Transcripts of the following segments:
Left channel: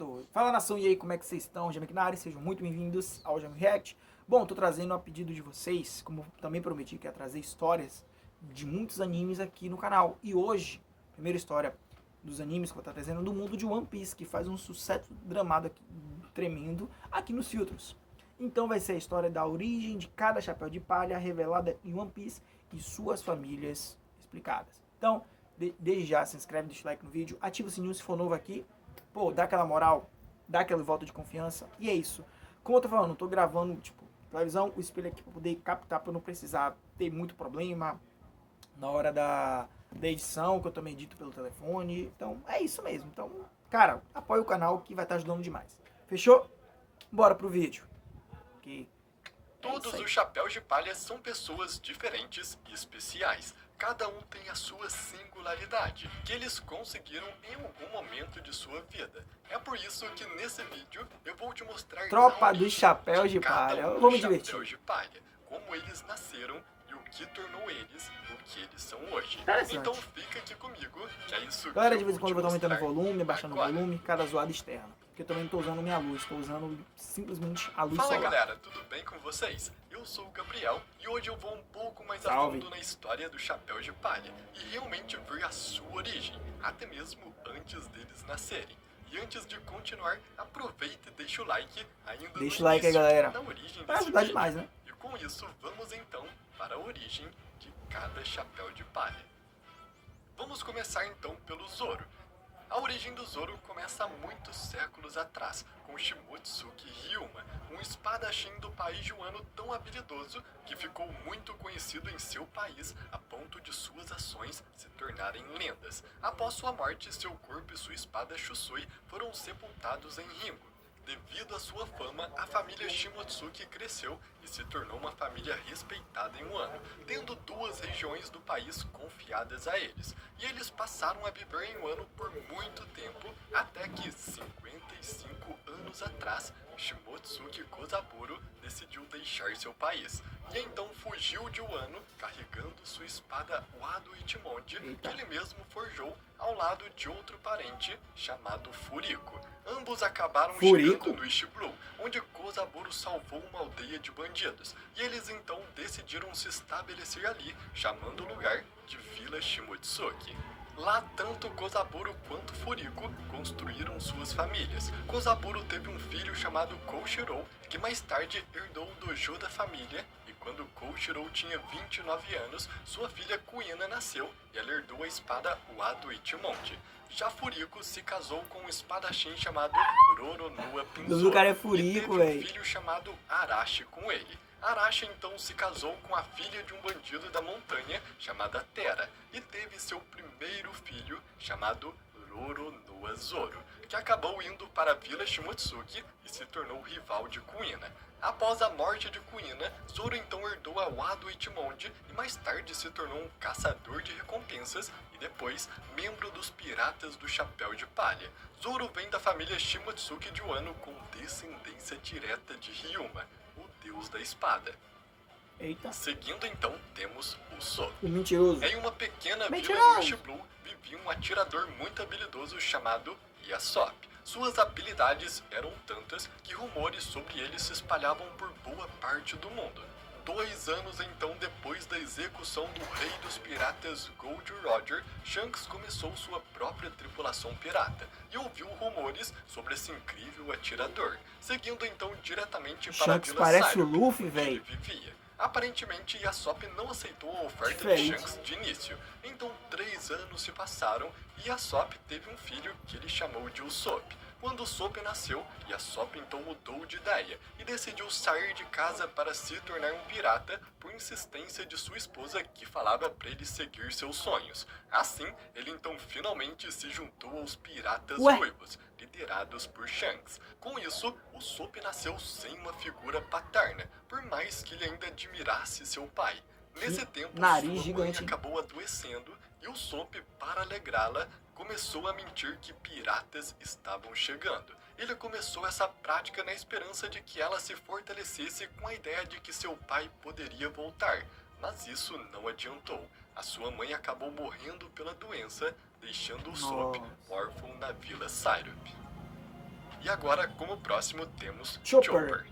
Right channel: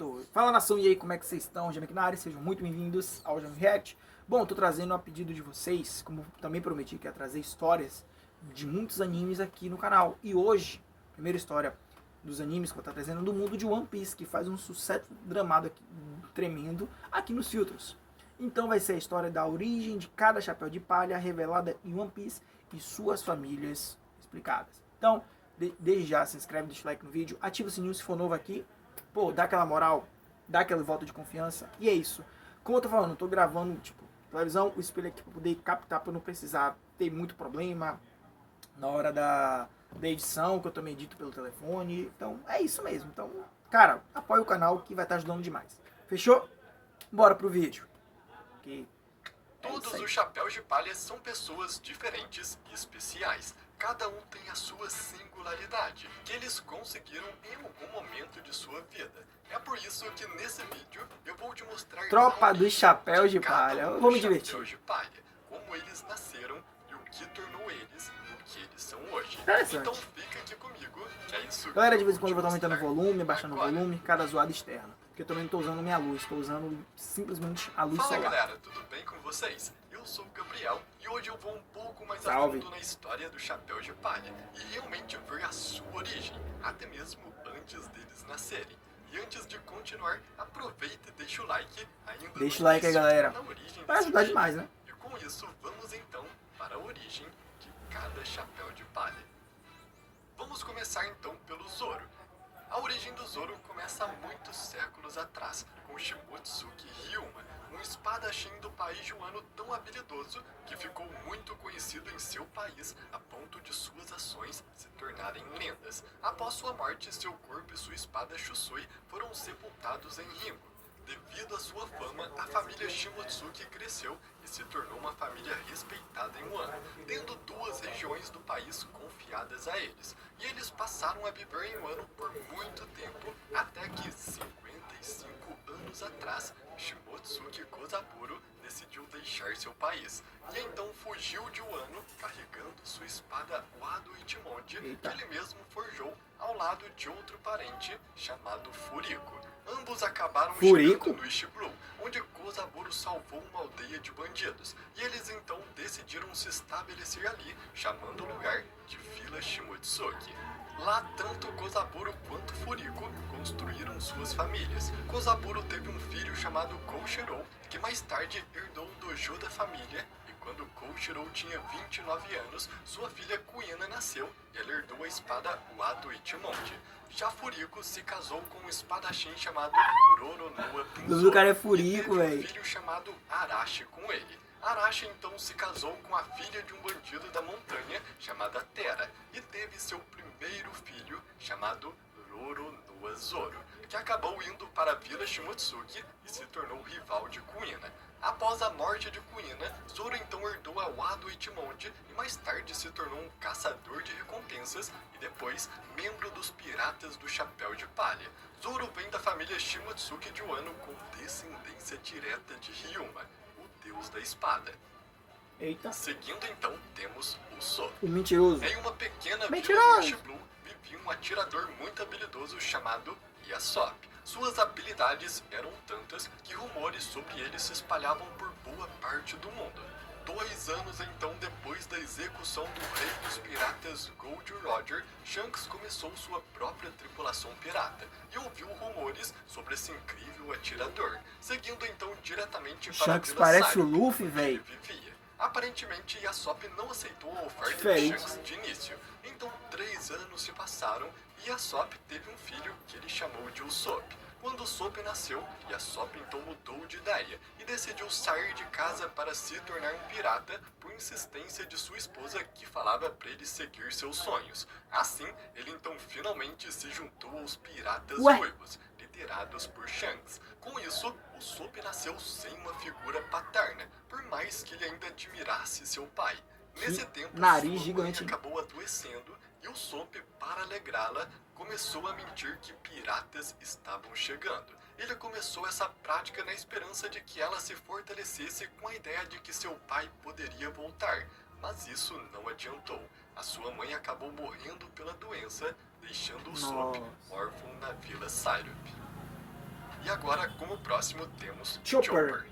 Certo! Fala nação, e aí, como é que vocês estão? Jame aqui na área, sejam muito bem-vindos ao Jame React. Bom, tô trazendo a pedido de vocês, como também prometi que ia trazer histórias de muitos animes aqui no canal. E hoje, a primeira história dos animes que eu vou estar trazendo é do mundo de One Piece, que faz um sucesso dramado aqui, tremendo aqui nos filtros. Então vai ser a história da origem de cada chapéu de palha revelada em One Piece e suas famílias explicadas. Então, desde já, se inscreve, deixa o like no vídeo, ativa o sininho se for novo aqui. Pô, dá aquela moral, dá aquele voto de confiança. E é isso. Como eu tô falando, eu tô gravando, tipo, televisão, o espelho aqui pra poder captar, pra eu não precisar ter muito problema na hora da edição, que eu também edito pelo telefone. Então, é isso mesmo. Então, cara, apoia o canal que vai estar ajudando demais. Fechou? Bora pro vídeo. Que Todos os chapéus de palha são pessoas diferentes e especiais. Cada um tem a sua singularidade, que eles conseguiram em algum momento de sua vida. É por isso que nesse vídeo eu vou te mostrar Tropa dos chapéus de palha. Eu vou me divertir. chapéus de palha, como eles nasceram e o que tornou eles o que eles são hoje. Interessante. Então fica aqui comigo, que é isso. Galera, de vez em quando eu vou estar aumentando o volume, abaixando o volume, cada zoada externa. Porque eu também não estou usando minha luz, estou usando simplesmente a luz Fala solar. galera, tudo bem com vocês? Eu sou o Gabriel e hoje eu vou um pouco mais a Salve. fundo na história do chapéu de palha e realmente ver a sua origem, até mesmo antes deles nascerem. E antes de continuar, aproveita e deixa o like ainda. Deixa o like aí, galera. Vai ajudar vídeo. demais, né? E com isso, vamos então para a origem de cada chapéu de palha. Vamos começar então pelo Zoro. A origem do Zoro começa há muitos séculos atrás, com Shimotsuki Ryuma, um espadachim do país Joano tão habilidoso que ficou muito conhecido em seu país a ponto de suas ações se tornarem lendas. Após sua morte, seu corpo e sua espada Shusui foram sepultados em Ringo. Devido à sua fama, a família Shimotsuki cresceu e se tornou uma família respeitada em Wano, tendo duas regiões do país confiadas a eles. E eles passaram a viver em Wano por muito tempo, até que 55 anos atrás, Shimotsuki Kozaburo decidiu deixar seu país. E então fugiu de Wano, carregando sua espada Wado Ichimonji, que ele mesmo forjou ao lado de outro parente chamado Furiko. Ambos acabaram chegando no East Blue, onde Kozaburo salvou uma aldeia de bandidos. E eles então decidiram se estabelecer ali, chamando o lugar de Vila Shimotsuki. Lá, tanto Kozaburo quanto Furiko construíram suas famílias. Kozaburo teve um filho chamado Koushirou, que mais tarde herdou o dojo da família, e quando Koushirou tinha 29 anos, sua filha Kuina nasceu e ela herdou a espada Wado Ichimonji. Já Furiko se casou com um espadachim chamado Roronoa Pinzou, O cara é Furiko, e teve um velho. filho chamado Arashi com ele. Arashi então se casou com a filha de um bandido da montanha chamada Terra e teve seu primeiro filho chamado Roronoa Zoro, que acabou indo para a Vila Shimotsuki e se tornou rival de Kuina. Após a morte de Kuina, Zoro então herdou a Wado Ichimonji e mais tarde se tornou um caçador de recompensas e depois membro dos Piratas do Chapéu de Palha. Zoro vem da família Shimotsuki de Wano com descendência direta de Ryuma, o deus da espada. Eita. Seguindo então, temos o Sop. O mentiroso. Em uma pequena vila do East Blue, vivia um atirador muito habilidoso chamado Yasop. Suas habilidades eram tantas que rumores sobre ele se espalhavam por boa parte do mundo. 2 anos então depois da execução do rei dos piratas Gold Roger, Shanks começou sua própria tripulação pirata e ouviu rumores sobre esse incrível atirador, seguindo então diretamente para Shanks a Vila parece Saru, o Luffy, onde ele velho. vivia. Aparentemente, Yasop não aceitou a oferta Diferente. de Shanks de início. Então, 3 anos se passaram e Yasop teve um filho que ele chamou de Usopp. Quando Usopp nasceu, Yasop então mudou de ideia e decidiu sair de casa para se tornar um pirata por insistência de sua esposa que falava para ele seguir seus sonhos. Assim, ele então finalmente se juntou aos piratas ruivos, liderados por Shanks. Com isso, Usopp nasceu sem uma figura paterna, por mais que ele ainda admirasse seu pai. Nesse tempo, nariz sua gigante. mãe acabou adoecendo e Usopp, para alegrá-la, começou a mentir que piratas estavam chegando. Ele começou essa prática na esperança de que ela se fortalecesse com a ideia de que seu pai poderia voltar, mas isso não adiantou. A sua mãe acabou morrendo pela doença, deixando Usopp órfão na Vila Syrup. agora, como próximo, temos Chopper.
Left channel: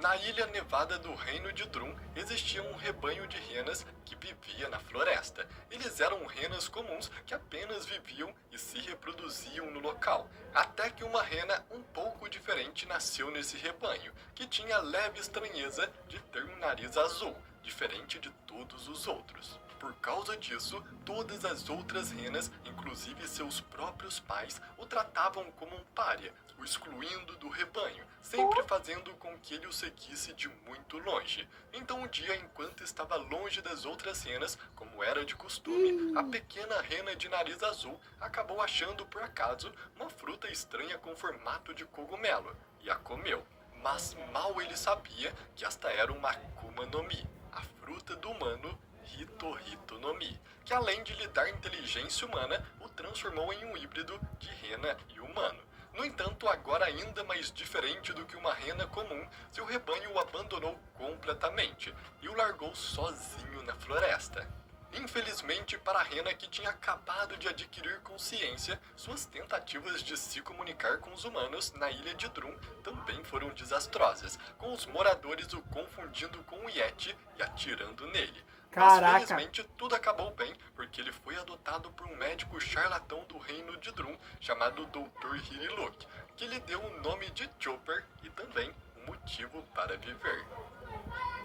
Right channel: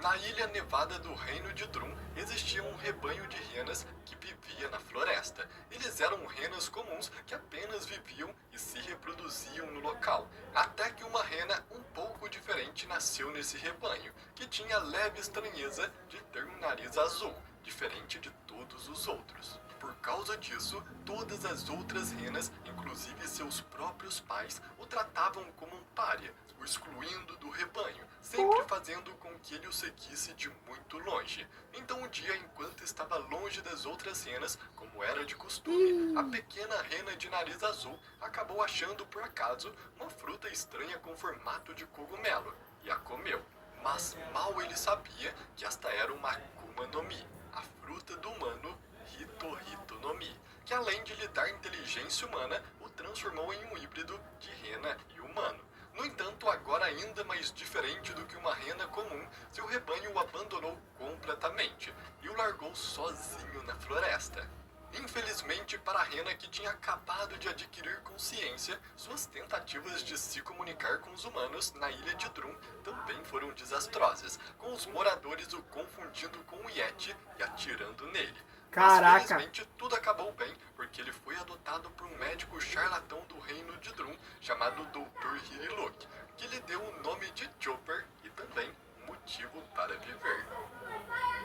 Na ilha nevada do Reino de Drum existia um rebanho de renas que vivia na floresta. Eles eram renas comuns que apenas viviam e se reproduziam no local. Até que uma rena um pouco diferente nasceu nesse rebanho, que tinha a leve estranheza de ter um nariz azul, diferente de todos os outros. Por causa disso, todas as outras renas, inclusive seus próprios pais, o tratavam como um pária, o excluindo do rebanho, sempre fazendo com que ele o seguisse de muito longe. Então um dia, enquanto estava longe das outras renas, como era de costume, a pequena rena de nariz azul acabou achando por acaso uma fruta estranha com formato de cogumelo e a comeu. Mas mal ele sabia que esta era uma Akuma no Mi, a fruta do humano Hito Hito no Mi, que além de lhe dar inteligência humana, o transformou em um híbrido de rena e humano. No entanto, agora ainda mais diferente do que uma rena comum, seu rebanho o abandonou completamente e o largou sozinho na floresta. Infelizmente para a rena que tinha acabado de adquirir consciência, suas tentativas de se comunicar com os humanos na ilha de Drum também foram desastrosas, com os moradores o confundindo com o Yeti e atirando nele. Caraca. Mas felizmente tudo acabou bem, porque ele foi adotado por um médico charlatão do reino de Drum, chamado Dr. Hiriluk, que lhe deu o nome de Chopper e também um motivo para viver.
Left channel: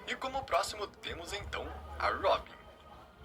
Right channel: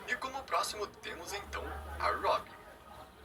E como próximo temos então a Robin.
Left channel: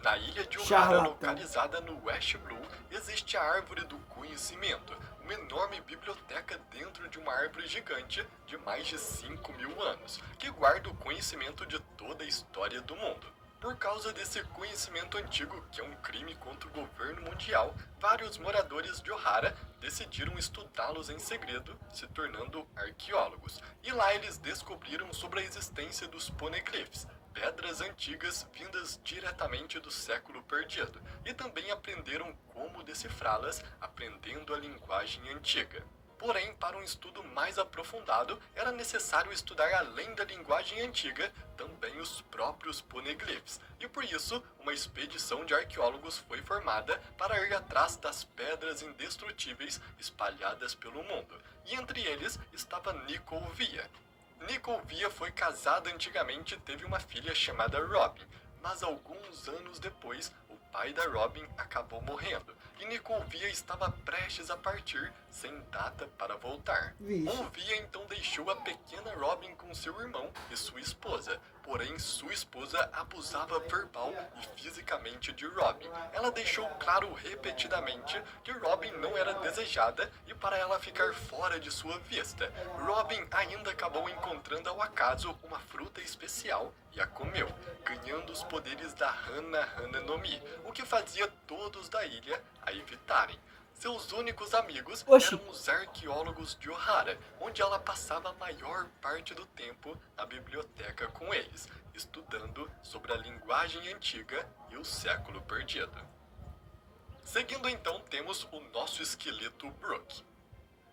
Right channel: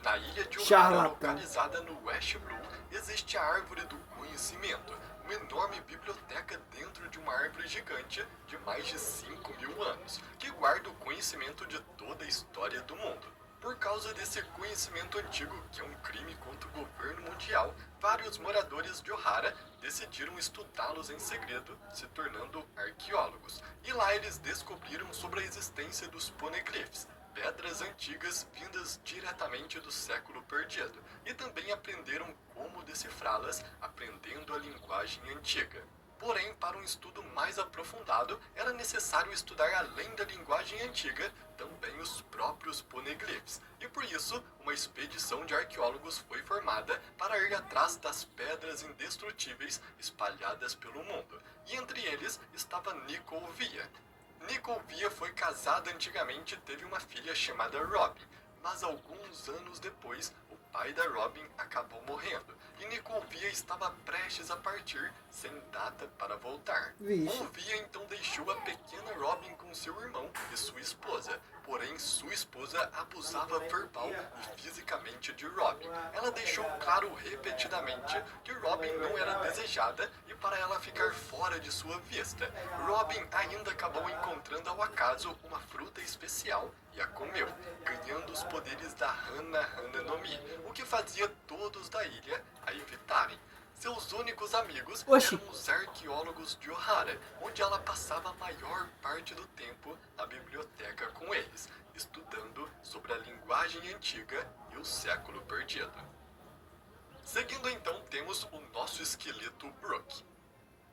Na ilha de Ohara, localizada no West Blue, existe a Árvore do Conhecimento, uma enorme biblioteca dentro de uma árvore gigante de mais de 5.000 anos, que guarda o conhecimento de toda a história do mundo. Por causa desse conhecimento antigo, que é um crime contra o governo mundial, vários moradores de Ohara decidiram estudá-los em segredo, se tornando arqueólogos. E lá eles descobriram sobre a existência dos poneglyphs, pedras antigas vindas diretamente do século perdido, e também aprenderam como decifrá-las, aprendendo a linguagem antiga. Porém, para um estudo mais aprofundado, era necessário estudar além da linguagem antiga, também os próprios poneglyphs. E por isso, uma expedição de arqueólogos foi formada para ir atrás das pedras indestrutíveis espalhadas pelo mundo. E entre eles estava Nicole Via. Nicole Via foi casada antigamente e teve uma filha chamada Robin, mas alguns anos depois, o pai da Robin acabou morrendo, e Nicole Via estava prestes a partir, sem data para voltar. O Via então deixou a pequena Robin com seu irmão e sua esposa, porém sua esposa abusava verbal e fisicamente de Robin. Ela deixou claro repetidamente que Robin não era desejada e para ela ficar fora de sua vista. Robin ainda acabou encontrando ao acaso uma fruta especial e a comeu, ganhando os poderes da Hana Hana no Mi, o que fazia todos da ilha a evitarem. Seus únicos amigos eram os arqueólogos de Ohara, onde ela passava a maior parte do tempo na biblioteca com eles, estudando sobre a linguagem antiga e o século perdido. Seguindo então temos o nosso esqueleto Brook.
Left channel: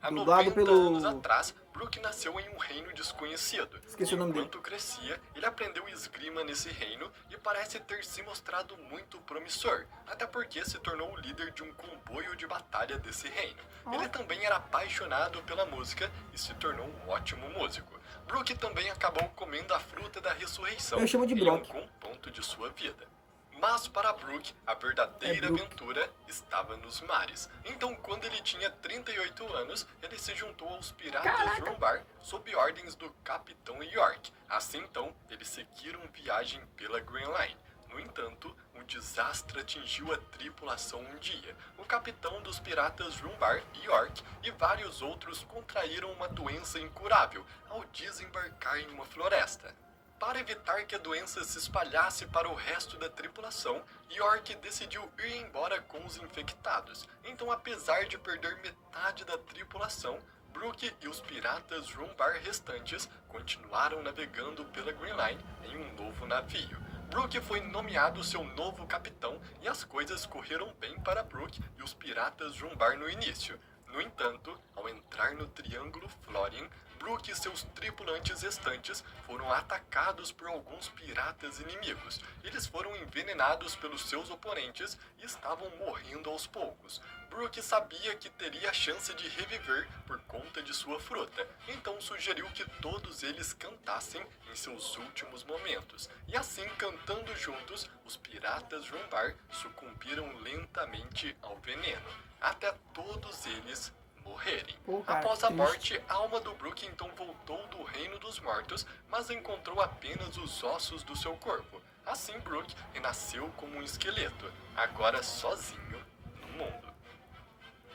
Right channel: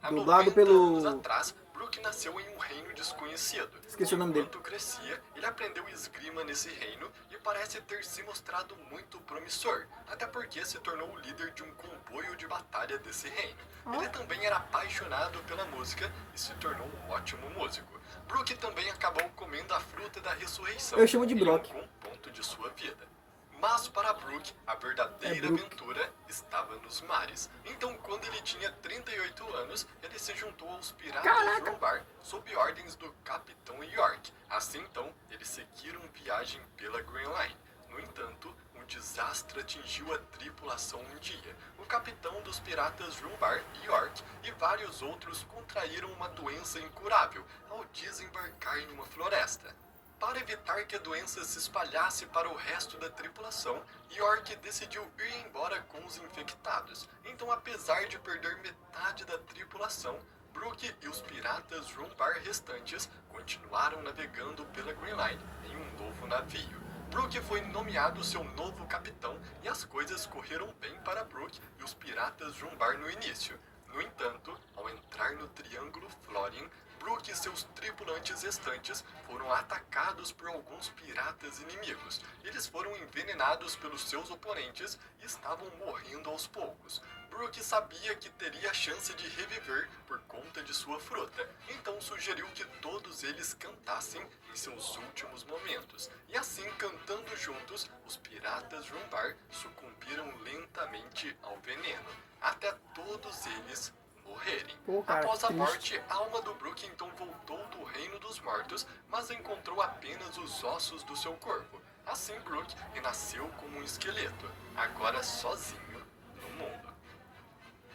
Há 90 anos atrás, Brook nasceu em um reino desconhecido. Esqueci o nome dele. Enquanto crescia, ele aprendeu esgrima nesse reino e parece ter se mostrado muito promissor, até porque se tornou o líder de um comboio de batalha desse reino. Ele também era apaixonado pela música e se tornou um ótimo músico. Brook também acabou comendo a fruta da ressurreição Eu chamo de em Brock. algum ponto de sua vida. Mas para Brook, a verdadeira aventura estava nos mares. Então, quando ele tinha 38 anos, ele se juntou aos piratas Rumbar sob ordens do Capitão York. Assim, então, eles seguiram viagem pela Grand Line. No entanto, um desastre atingiu a tripulação um dia. O capitão dos piratas Rumbar, York, e vários outros contraíram uma doença incurável ao desembarcar em uma floresta. Para evitar que a doença se espalhasse para o resto da tripulação, York decidiu ir embora com os infectados. Então, apesar de perder metade da tripulação, Brook e os piratas Rumbar restantes continuaram navegando pela Green Line em um novo navio. Brook foi nomeado seu novo capitão e as coisas correram bem para Brook e os piratas Rumbar no início. No entanto, ao entrar no Triângulo Florian, Brook e seus tripulantes restantes foram atacados por alguns piratas inimigos. Eles foram envenenados pelos seus oponentes e estavam morrendo aos poucos. Brook sabia que teria a chance de reviver por conta de sua fruta, então sugeriu que todos eles cantassem em seus últimos momentos. E assim, cantando juntos, os piratas Rumbar sucumbiram lentamente ao veneno, até todos eles morrerem. Pô, cara, Após que a triste. morte, a alma do Brook então voltou do reino dos mortos, mas encontrou apenas os ossos do seu corpo. Assim, Brook renasceu como um esqueleto, agora sozinho no mundo.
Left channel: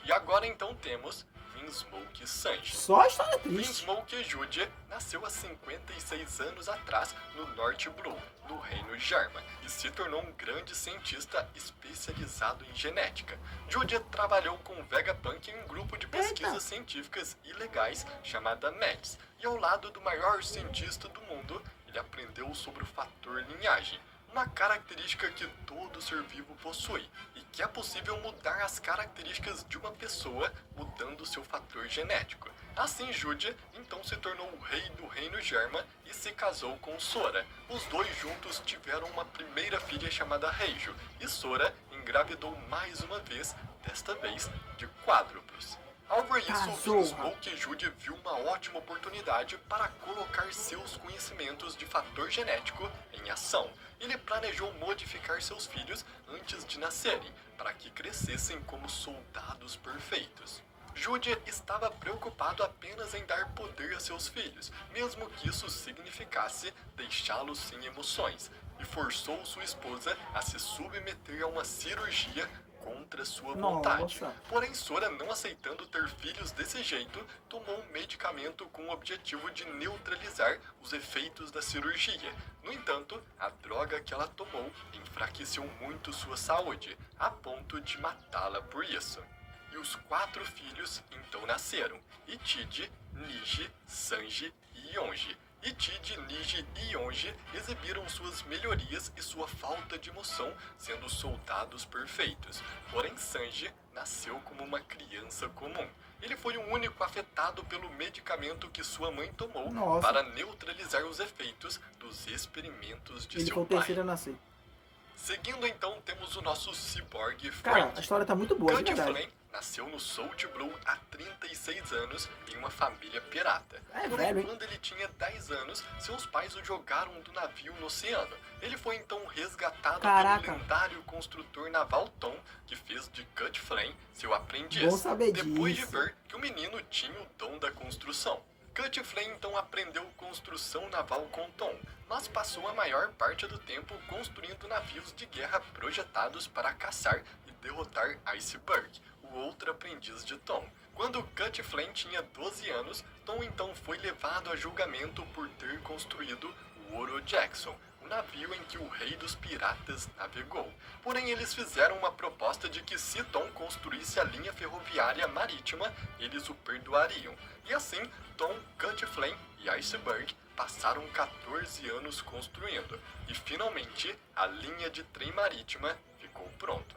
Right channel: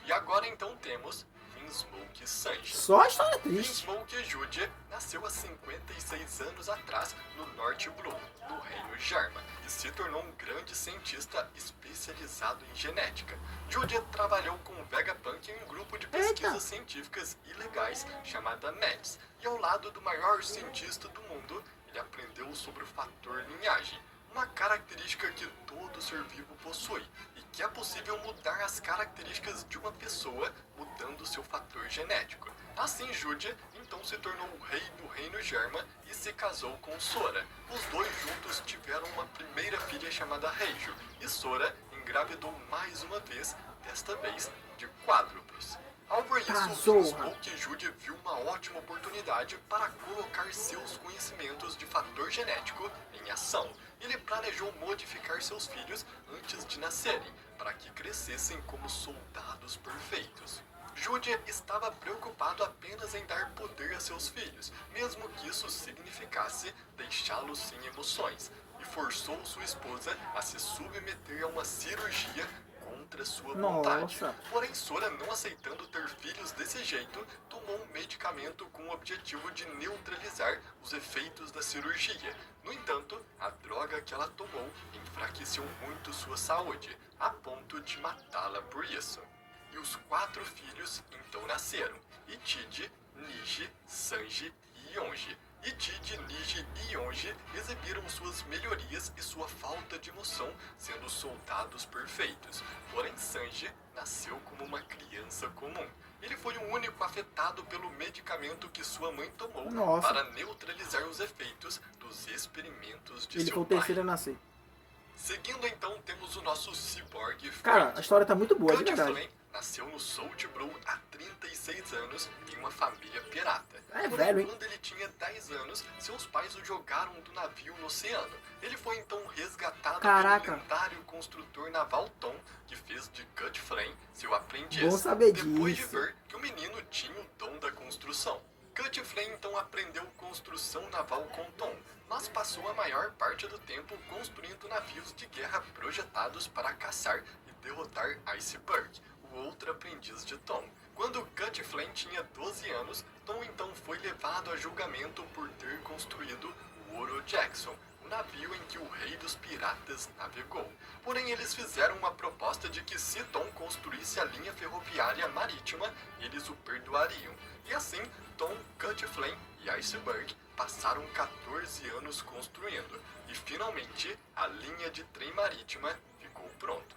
E agora então temos Vinsmoke e Sanji. Só a história triste. Vinsmoke Judia nasceu há 56 anos atrás no North Blue, no reino Jarma, e se tornou um grande cientista especializado em genética. Judia trabalhou com Vegapunk em um grupo de pesquisas científicas ilegais chamada MEDS, e ao lado do maior cientista do mundo, ele aprendeu sobre o fator linhagem, uma característica que todo ser vivo possui, e que é possível mudar as características de uma pessoa mudando seu fator genético. Assim, Judia então se tornou o rei do reino Jarma e se casou com Sora. Os dois juntos tiveram uma primeira filha chamada Reijo, e Sora engravidou mais uma vez, desta vez de quádruplos. Ao ver isso, Vinsmoke Judia viu uma ótima oportunidade para colocar seus conhecimentos de fator genético em ação. Ele planejou modificar seus filhos antes de nascerem, para que crescessem como soldados perfeitos. Judia estava preocupado apenas em dar poder a seus filhos, mesmo que isso significasse deixá-los sem emoções, e forçou sua esposa a se submeter a uma cirurgia contra sua vontade. Porém, Sora, não aceitando ter filhos desse jeito, tomou um medicamento com o objetivo de neutralizar os efeitos da cirurgia. No entanto, a droga que ela tomou enfraqueceu muito sua saúde, a ponto de matá-la por isso. E os 4 filhos então nasceram: Itidi, Niji, Sanji e Yonji. Itidi, Niji e Yonji exibiram suas melhorias e sua falta de emoção, sendo soldados perfeitos. Porém, Sanji nasceu como uma criança comum. Ele foi o único afetado pelo medicamento que sua mãe tomou para neutralizar os efeitos dos experimentos de seu pai. Ele foi o terceiro a nascer. Seguindo então, temos o nosso Cyborg Frank. Cara, a história tá muito boa, de verdade. Frank nasceu no Salt Blue há 36 anos em uma família pirata. É Porém, velho, hein? quando ele tinha 10 anos, seus pais o jogaram do navio no oceano. Ele foi então resgatado pelo lendário construtor naval Tom, que fez de Cut Flame seu aprendiz, Bom saber depois disso. de ver que o menino tinha o dom da construção. Cut Flame então aprendeu construção naval com Tom, mas passou a maior parte do tempo construindo navios de guerra projetados para caçar e derrotar Iceberg, o outro aprendiz de Tom. Quando Cut Flame tinha 12 anos, Tom então foi levado a julgamento por ter construído o Oro Jackson, o navio em que o rei dos piratas navegou. Porém, eles fizeram uma proposta de que se Tom construísse a linha ferroviária marítima, eles o perdoariam. E assim, Tom, Cut Flame e Iceberg passaram 14 anos construindo, e finalmente a linha de trem marítima ficou pronta.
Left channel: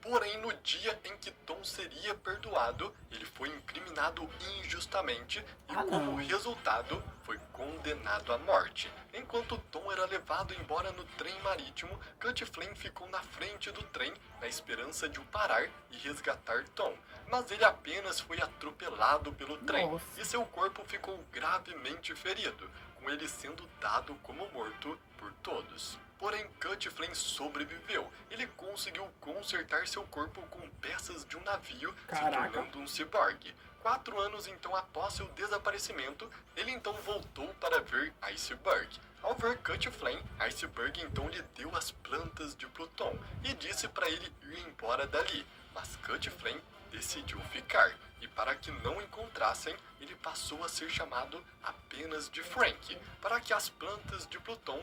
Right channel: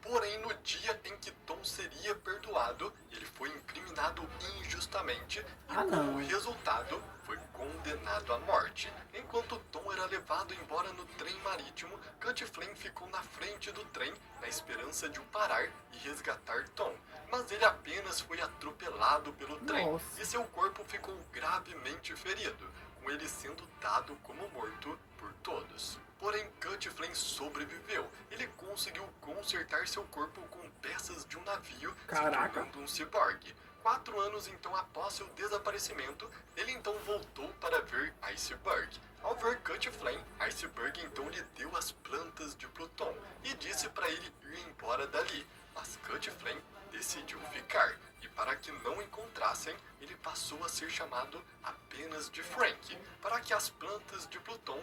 Porém, no dia em que Tom seria perdoado, ele foi incriminado injustamente e, como resultado, foi condenado à morte. Enquanto Tom era levado embora no trem marítimo, Cut Flame ficou na frente do trem na esperança de o parar e resgatar Tom. Mas ele apenas foi atropelado pelo trem e seu corpo ficou gravemente ferido, com ele sendo dado como morto por todos. Porém, Cut Flame sobreviveu. Ele conseguiu consertar seu corpo com peças de um navio, se tornando um ciborgue. 4 anos então após seu desaparecimento, ele então voltou para ver Iceberg. Ao ver Cut Flame, Iceberg então lhe deu as plantas de Pluton e disse para ele ir embora dali. Mas Cut Flame decidiu ficar, e para que não encontrassem, ele passou a ser chamado apenas de Frank, para que as plantas de Pluton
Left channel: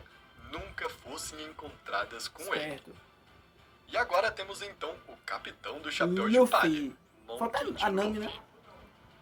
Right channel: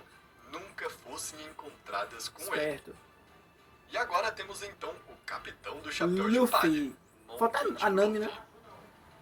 nunca fossem encontradas com ele. E agora temos então o capitão do Chapéu de Palha, Monkey D. Luffy.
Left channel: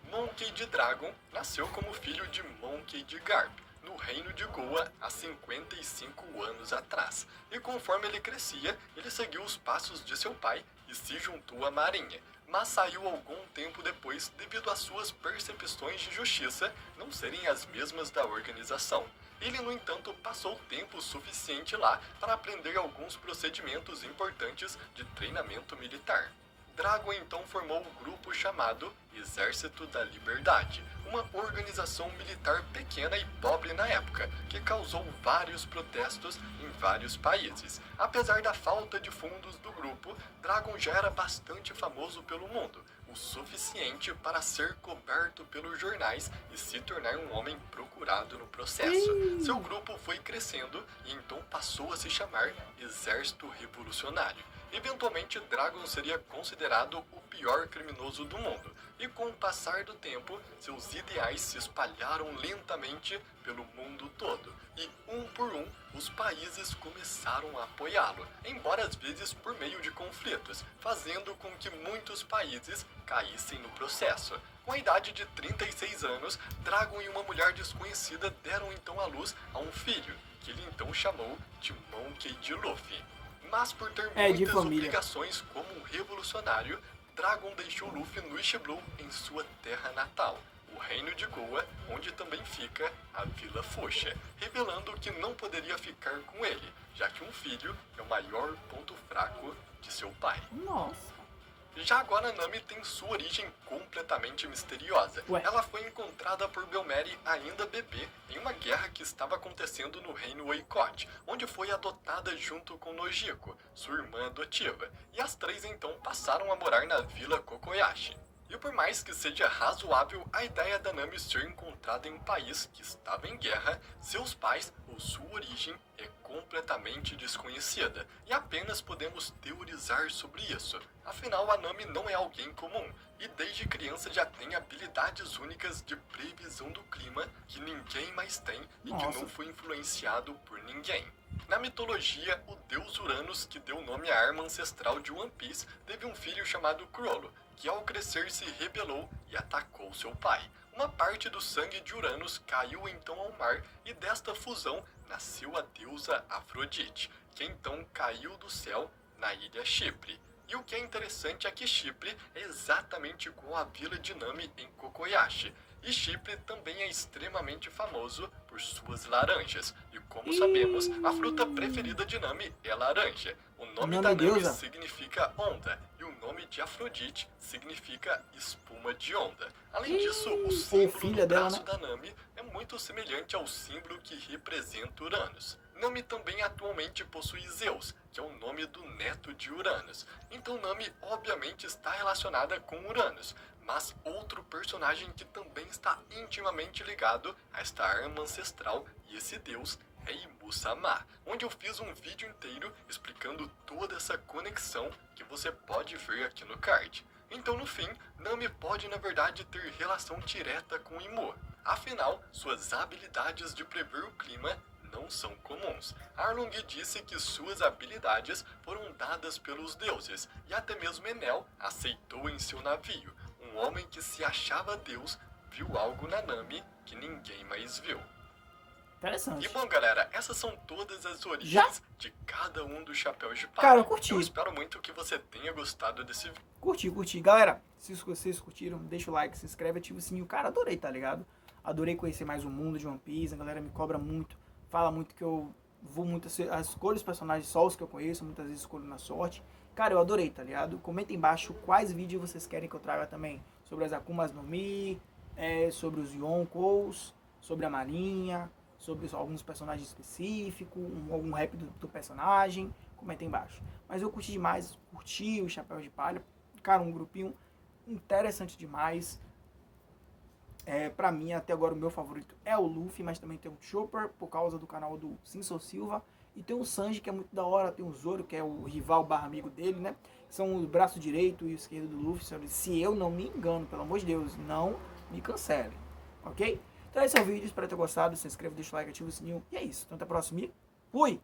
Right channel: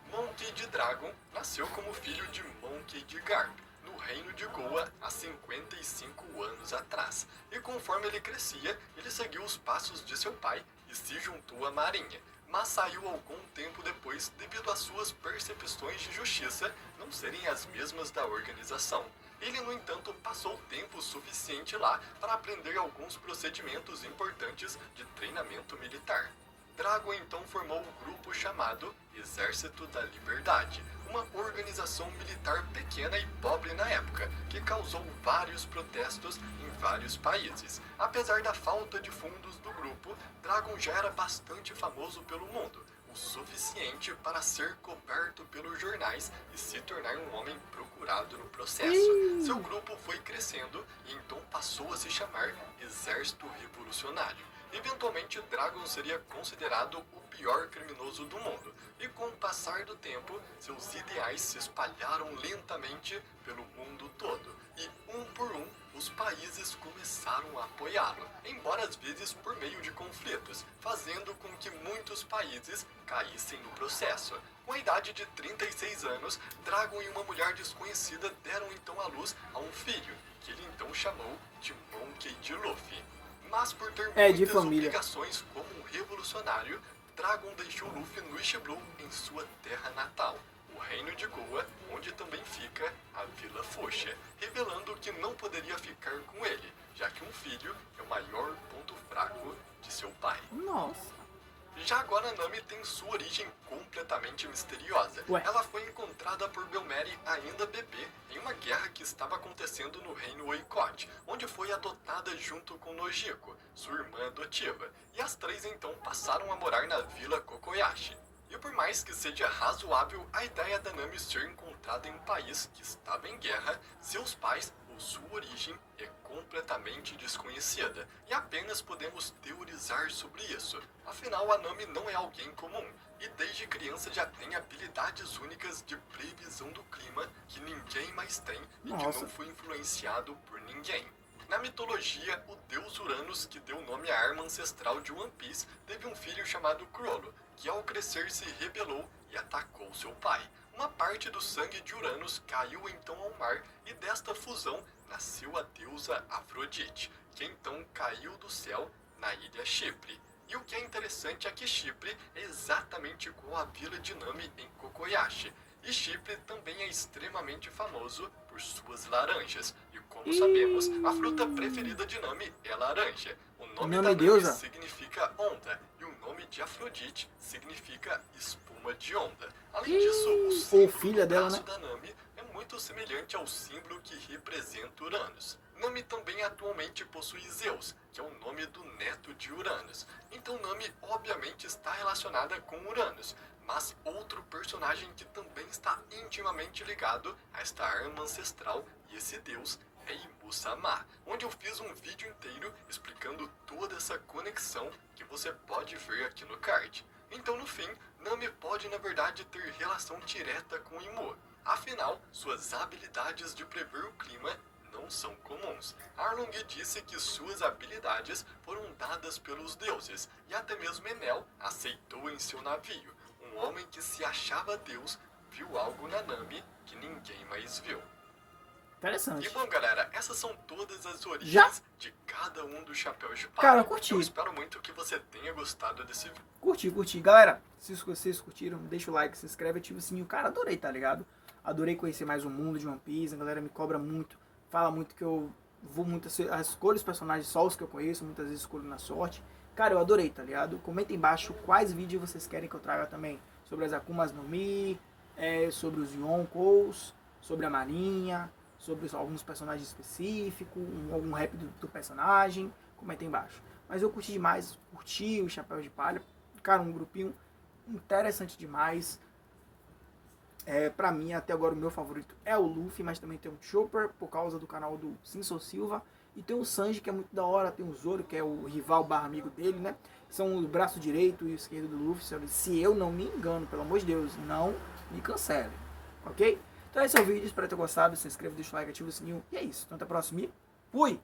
Monkey D. Dragon nasceu como filho de Monkey D. Garp, no reino de Goa há 55 anos atrás. E conforme ele crescia, ele seguiu os passos de seu pai e se juntou à marinha, mas saiu algum tempo depois devido às suas percepções de justiça não serem as mesmas da organização. Ele, no entanto, passou tempo suficiente lá para aprender alguns procedimentos importantes de treinamento militar. Dragon então formou um grupo chamado Exército da Liberdade, uma organização militar pequena e pobre na época, que causou vários protestos em vários países. Apesar da falta de fundos do grupo, Dragon já era bastante famoso pelo mundo, o suficiente para ser coberto pelos jornais e se tornar um homem procurado no processo. Seu grupo foi crescendo e então passou a se chamar Exército Revolucionário. Eventualmente, Dragon seria considerado o pior criminoso do mundo, e com o passar do tempo, seus ideais se espalharam lentamente pelo mundo todo, e um por um, os países começaram a apoiá-lo, embora às vezes por meio de conflitos, fazendo com que muitos países caíssem no processo. Com a idade de 36 anos, Dragon e uma mulher desconhecida deram então à luz a um filho, que ele então chamou de Monkey D. Luffy. Mas por ter muitas obrigações como um revolucionário, Dragon deixou Luffy no East Blue em sua terra natal, o reino de Goa, onde também fica a Vila Fuchsia, revelando que não poderia ficar com ele, já que um filho é o maior ponto fraco de seu pai. Nossa. Já agora, Nami tem sua origem completamente misteriosa. Ué. Ela foi encontrada por Belmeri ainda bebê em uma guerra que estava acontecendo no reino Oikot, onde foi adotada junto com Nojiko, sua irmã adotiva, e as três então passaram a morar na vila Kokoyashi. E por mais que seja razoável a ideia da Nami ser encontrada em um país que estava em guerra, seus pais ou sua origem é completamente desconhecida, e apenas podemos teorizar sobre isso. Afinal, a Nami não é alguém comum, e desde criança já tem habilidades únicas de previsão do clima que ninguém mais tem e que não foi influenciado por ninguém. Na mitologia, o deus Uranus, que deu nome à arma ancestral de One Piece, teve um filho chamado Chrollo, que ao crescer se rebelou e atacou seu pai. Uma parte do sangue de Uranus caiu então ao mar, e desta fusão nasceu a deusa Afrodite, que então caiu do céu na ilha Chipre. E o que é interessante é que Chipre é exatamente igual à vila de Nami em Kokoyashi. E Chipre também é extremamente famoso por suas laranjas. E como sabemos, a fruta preferida de Nami é laranja. O nome da Nami significa onda, e o nome de Afrodite significa espuma de onda. Além disso, o símbolo do braço da Nami é muito semelhante ao símbolo que representa Uranus. Nami também atualmente possui Zeus, que é o nome do neto de Uranus. Então Nami obviamente está relacionada com Uranus, mas outro personagem que também está intimamente ligado a esta arma ancestral e esse deus é Imu-sama, onde eu fiz um vídeo inteiro explicando toda essa conexão que você pode ver aqui no card. Então no fim, Nami pode na verdade ter relação direta com Imu. Afinal, suas habilidades de prever o clima não são comuns. Arlong disse que suas habilidades foram dadas pelos deuses, e até mesmo Enel aceitou em seu navio. Um homem que se achava Deus viu algo na Nami que ninguém mais viu. Interessante. E bom, galera, essas são todas as origens de cada um dos chapéus de palha. Cara, eu curti. Eu espero muito que você tenha gostado desse vídeo. Curti. Galera, se vocês curtiram, deixa o like, se inscreve, ativa o sininho. Cara, adorei, tá ligado? Adorei conhecer mais o mundo de One Piece. A galera me cobra muito, fala muito que eu vou muito... escolho os personagens só os que eu conheço, muitas vezes escolho na sorte. Cara, eu adorei, tá ligado? Comenta embaixo quais vídeos vocês querem que eu traga também. Sobre as Akumas no Mi, sobre os Yonkous, sobre a Marinha, sobre alguns personagens específicos, algum rap do personagem. Comenta embaixo. Mas eu curti demais, curti o Chapéu de Palha. Cara, um grupinho interessante demais. Pra mim, até agora, o meu favorito é o Luffy, mas também tem o Chopper, por causa do canal do Sinso Silva. E tem o Sanji, que é muito da hora. Tem o Zoro, que é o rival barra amigo dele, né? São o braço direito e esquerdo do Luffy. Se eu não me engano, pelo amor de Deus, não me cancele, ok? Então esse é o vídeo, espero ter gostado. Se inscreva, deixa o like, ativa o sininho. E é isso. Então até a próxima e fui!